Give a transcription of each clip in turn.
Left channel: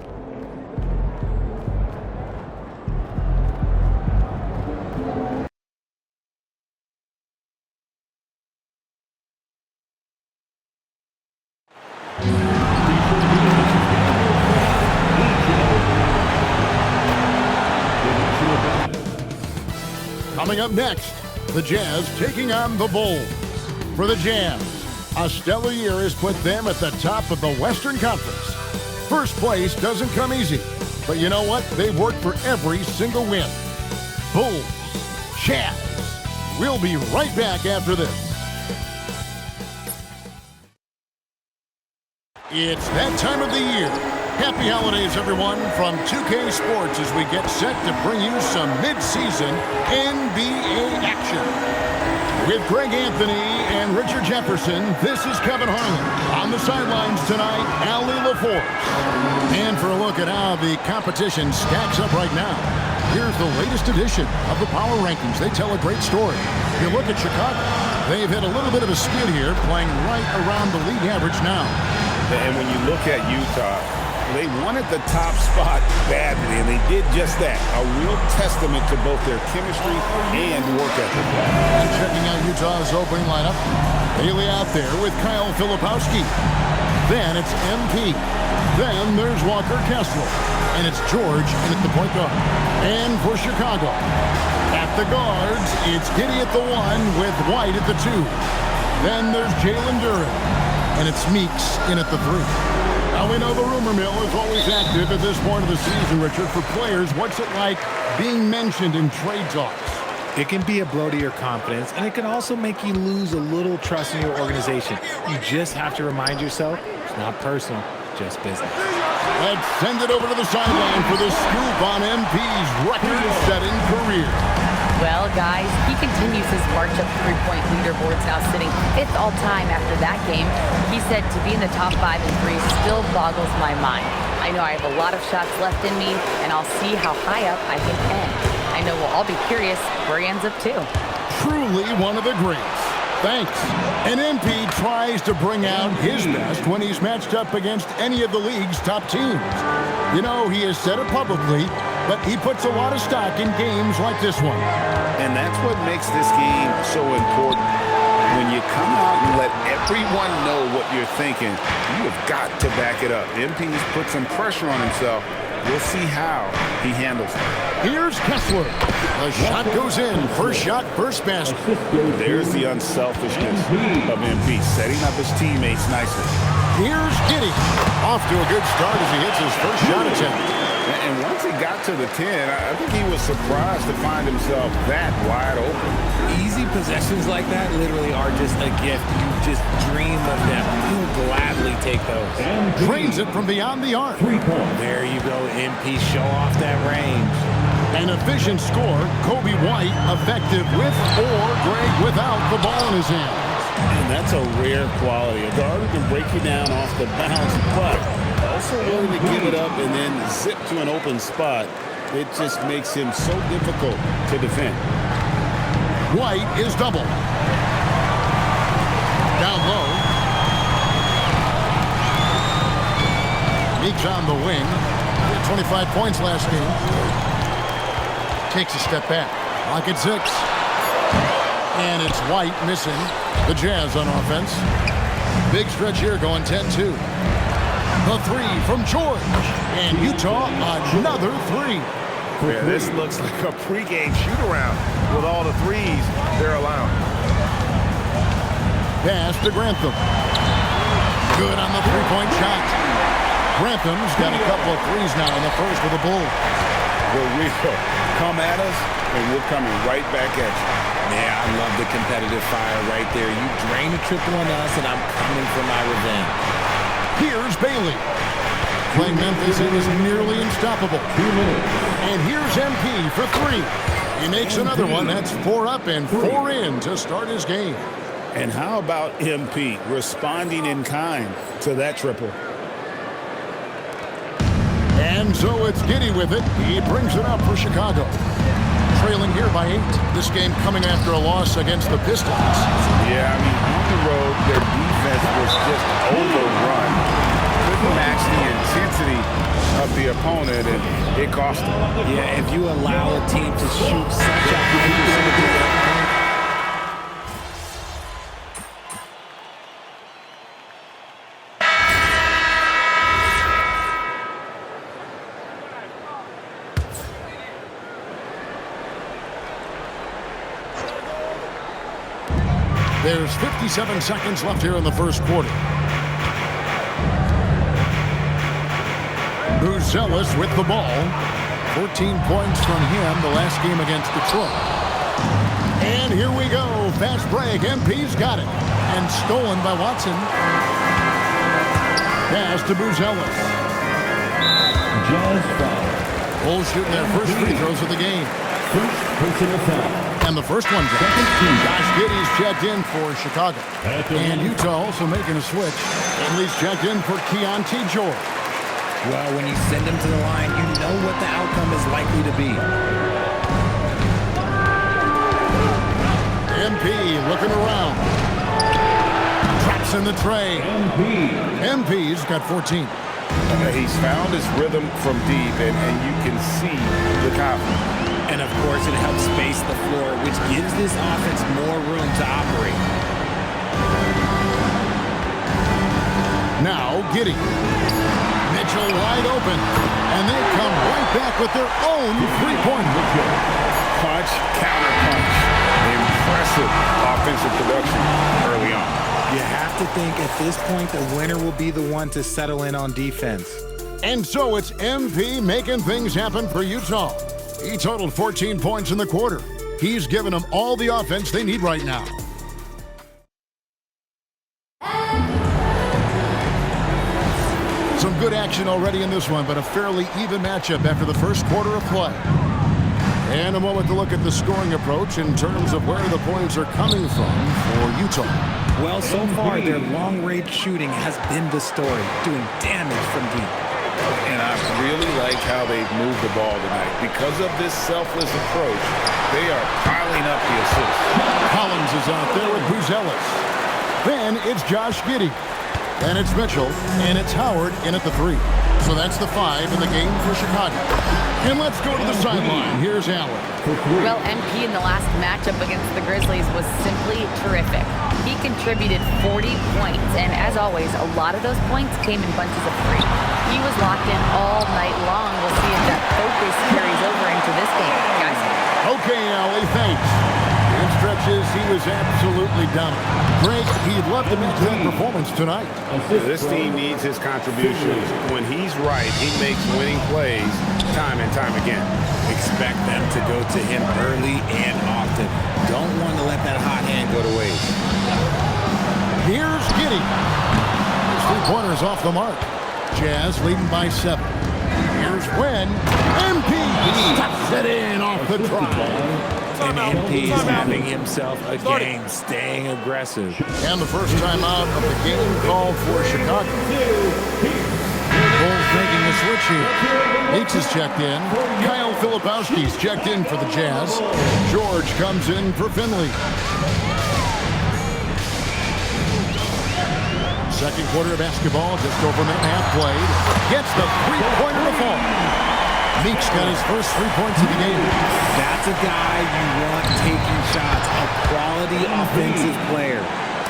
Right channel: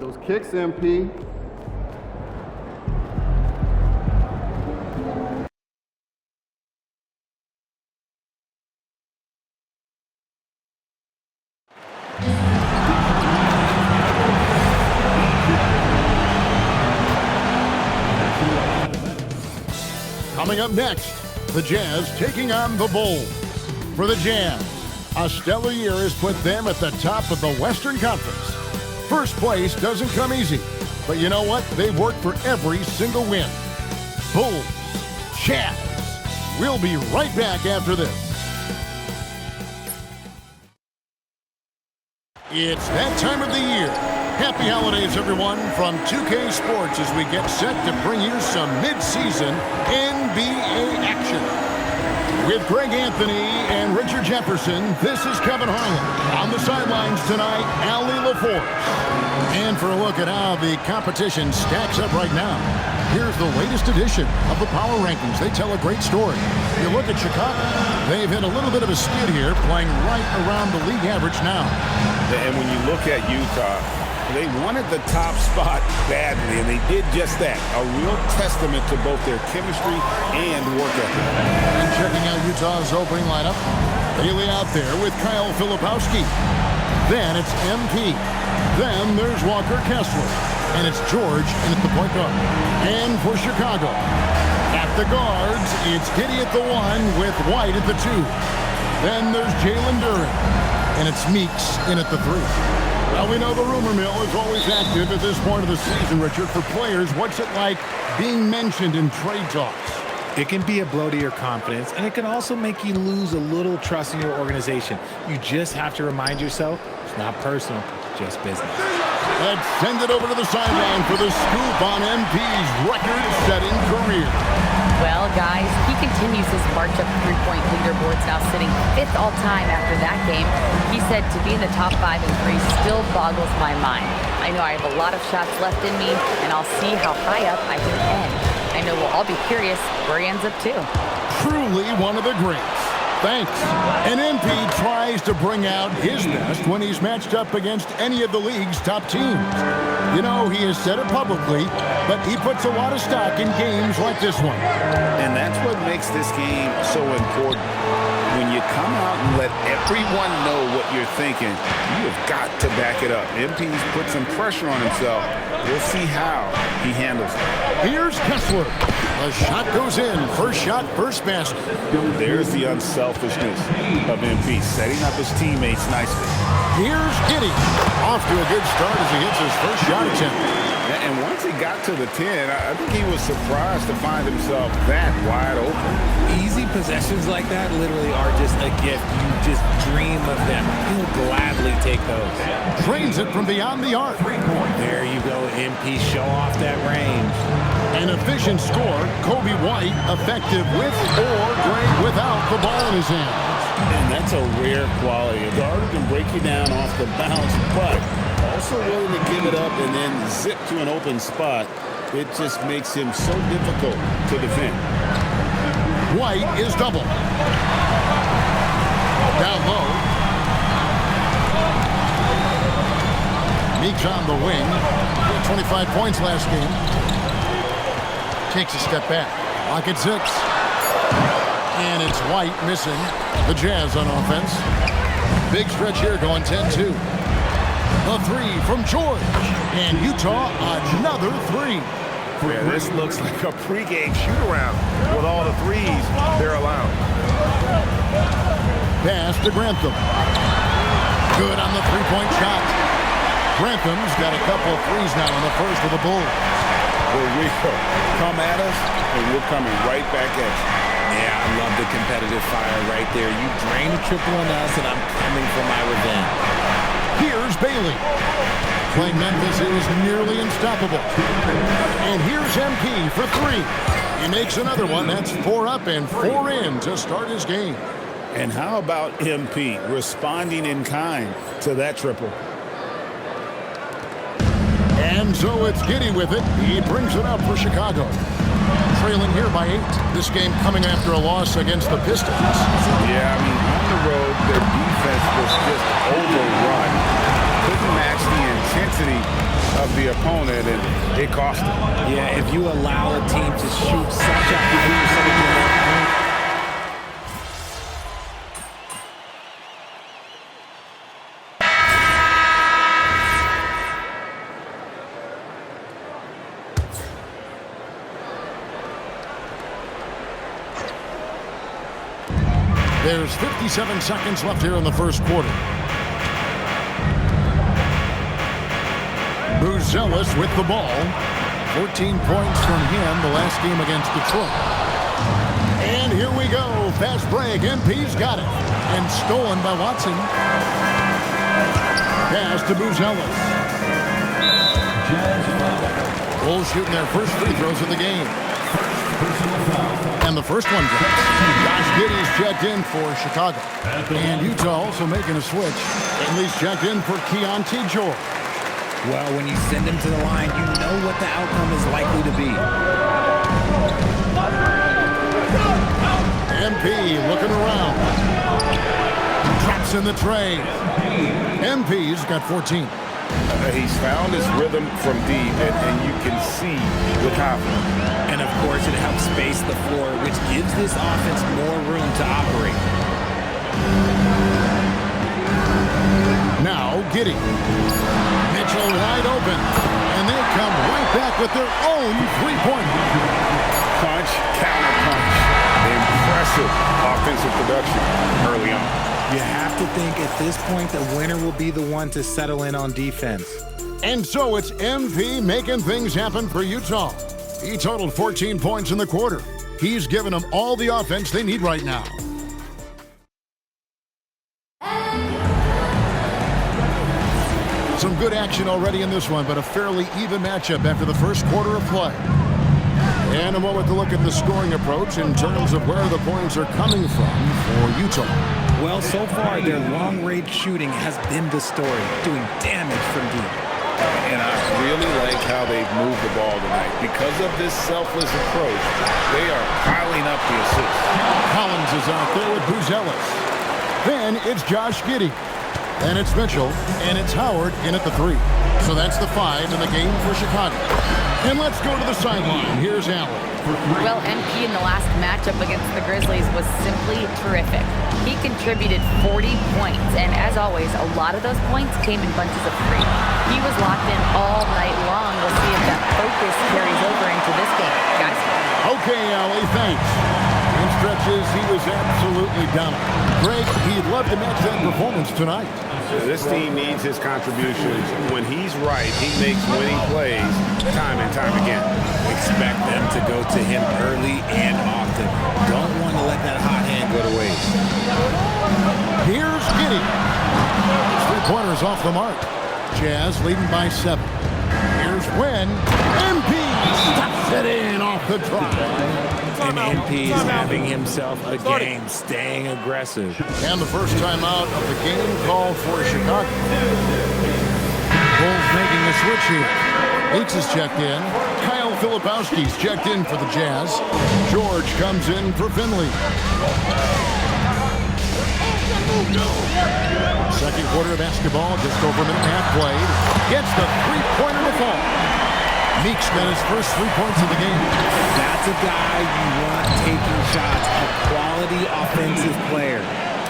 Those kicks, MP. Coming up next, the Jazz taking on the Bulls. For the Jazz, a stellar year has put them at the top of the Western Conference. First place doesn't come easy, but you know what? They've worked for every single win. Bulls, Jazz. We'll be right back after this. It's that time of the year. Happy holidays, everyone, from 2K Sports as we get set to bring you some mid-season NBA action. With Greg Anthony and Richard Jefferson, this is Kevin Harlan. On the sidelines tonight, Allie LaForce. And for a look at how the competition stacks up right now, here's the latest edition of the Power Rankings. They tell a great story. You look at Chicago. They've hit a little bit of a skid here, playing right around the league average now. And when you look at Utah, they wanted the top spot badly, and they did just that. A real testament to both their chemistry and work ethic. And checking out Utah's opening lineup, Bailey out there with Kyle Filipowski. Then it's MP. Then there's Walker Kessler. And it's George in at the point guard. And for Chicago, at the guards, it's Giddey at the 1 with White at the 2. Then there's Jalen Duren. And it's Meeks in at the 3. Now, we know the rumor mill is always active at this point of the season, Richard. For players, what's it like being mentioned in trade talks? It can be a blow to your confidence, and it can also make you lose a little trust in your organization. You just have to remind yourself it's not personal, just business. Let's send it over to the sideline for the scoop on MP's record-setting career. Well, guys, he continues his march up three-point leaderboards, now sitting 5th all-time after that game. He said to be in the top 5 in threes still boggles my mind. I know I have a lot of shots left in me, and I'll see how high up I can end. I know we'll all be curious where he ends up, too. Truly one of the greats. Thanks. And MP tries to bring out his best when he's matched up against any of the league's top teams. You know, he has said it publicly, but he puts a lot of stock in games like this one. And that's what makes this game so important. When you come out and let everyone know what you're thinking, you have got to back it up. MP's put some pressure on himself. We'll see how he handles it. Here's Kessler. The shot goes in. First shot, first basket. There's the unselfishness of MP, setting up his teammates nicely. Here's Giddey. Off to a good start as he hits his first shot attempt. And once he got to the 10, I think he was surprised to find himself that wide open. Easy possessions like that literally are just a gift. You just dream of them. You'll gladly take those. Drains it from beyond the arc. There you go, MP. Show off that range. An efficient score. Kobe White effective with or great without the ball in his hands. And that's a rare quality. A guard who can break you down off the bounce, but also willing to give it up and then zip to an open spot. It just makes him so difficult to defend. White is double. Down low. Meeks on the wing. He had 25 points last game. Takes a step back. Lock at 6. And it's White missing. The Jazz on offense. Big stretch here going 10-2. The 3 from George. And Utah another 3. Yeah, this looks like a pregame shoot-around with all the threes they're allowing. Pass to Grantham. Good on the three-point shot. Grantham's got a couple of threes now in the first with the Bulls. We're real. Come at us, and we're coming right back at you. Yeah, I love the competitive fire right there. You drain a triple on us, and I'm coming for my revenge. Here's Bailey. Playing Memphis, he was nearly unstoppable. And here's MP for 3. He makes another one. That's 4 up and 4 in to start his game. And how about MP responding in kind to that triple? And so it's Giddey with it. He brings it up for Chicago. Trailing here by 8. This game coming after a loss against the Pistons. Yeah, I mean, on the road, their defense was just overrun. Couldn't match match the intensity of the opponent, and it cost them. Yeah, if you allow a team to shoot such a high percentage of their own. There's 57 seconds left here in the first quarter. Buzelis with the ball. 14 points from him the last game against Detroit. And here we go. Fast break. MP's got it. And stolen by Watson. Pass to Buzelis. Bulls shooting their first free throws of the game. First personal foul. And the first one drops. Josh Giddey's checked in for Chicago. And Utah also making a switch. Ainley's checked in for Keontae George. Well, when you send him to the line, you know what the outcome is likely to be. MP looking around. Drops in the tray. MP's got 14. He's found his rhythm from deep, and you can see the confidence. And, of course, it helps space the floor, which gives this offense more room to operate. Now, Giddey. Mitchell wide open. And they come right back with their own three-pointer. Punch, counter punch. Impressive offensive production early on. You have to think at this point the winner will be the one to settle in on defense. And so it's MP making things happen for Utah. He totaled 14 points in the quarter. He's given them all the offense they need right now. Some good action already in this one, but a fairly even matchup after the first quarter of play. And a moment to look at the scoring approach in terms of where the points are coming from for Utah. Well, so far, their long-range shooting has been the story, doing damage from deep. And I really like how they've moved the ball tonight. Because of this selfless approach, they are piling up the assists. Collins is out there with Buzelis. Then it's Josh Giddey. Then it's Mitchell. And it's Howard in at the 3. So that's the 5 in the game for Chicago. And let's go to the sideline. Here's Allen. Well, MP in the last matchup against the Grizzlies was simply terrific. He contributed 40 points, and as always, a lot of those points came in bunches of 3. He was locked in all night long. We'll see if that focus carries over into this game, guys. Okay, Allie, thanks. In stretches, he was absolutely dominant. Greg, he'd love to match that performance tonight. This team needs his contributions. When he's right, he makes winning plays time and time again. Expect them to go to him early and often. Don't want to let that hot hand go to waste. Here's Giddey. His three-pointer's off the mark. Jazz leading by 7. Here's when MP stops it in off the drive. And MP is having himself a game, staying aggressive. And the first time out of the game called for Chicago. Bulls making a switch here. Meeks is checked in. Kyle Filipowski's checked in for the Jazz. George comes in for Finley. Second quarter of basketball, just over a minute and a half played. Gets the three-pointer to fall. Meeks got his first 3 points of the game. That's a guy you want taking shots, a quality offensive player.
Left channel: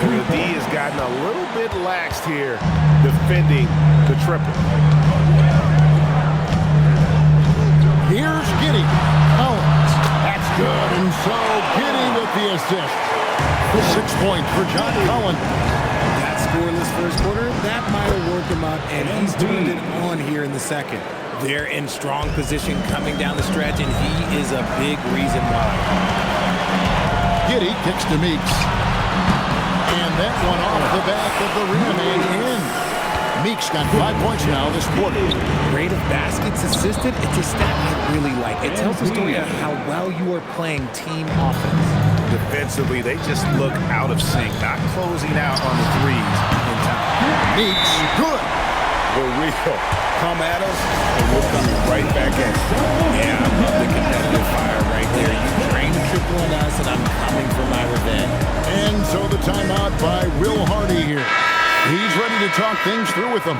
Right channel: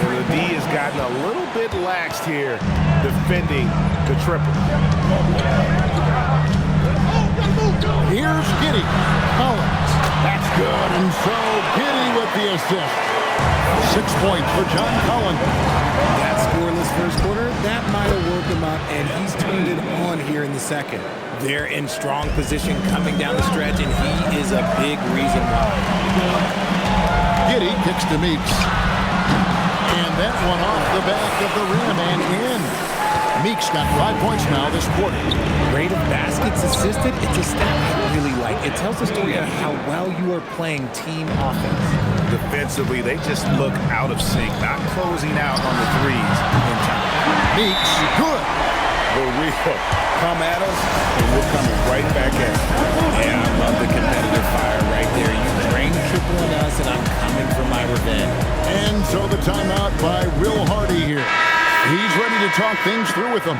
And the D has gotten a little bit laxed here defending the triple. Here's Giddey. Collins. That's good. And so Giddey with the assist. 6 points for John Collins. That scoreless first quarter, that might have woke him up, and he's turned it on here in the second. They're in strong position coming down the stretch, and he is a big reason why. Giddey kicks to Meeks. And that one off the back of the rim and in. Meeks got 5 points now this quarter. Rate of baskets assisted, it's a stat I really like. It tells the story of how well you are playing team offense. Defensively, they just look out of sync, not closing out on the threes in time. Meeks, good. The real come at us, and we're coming right back at you. Yeah, I love the competitive fire right there. You drain the triple on us, and I'm coming for my revenge. And so the timeout by Will Hardy here. He's ready to talk things through with them.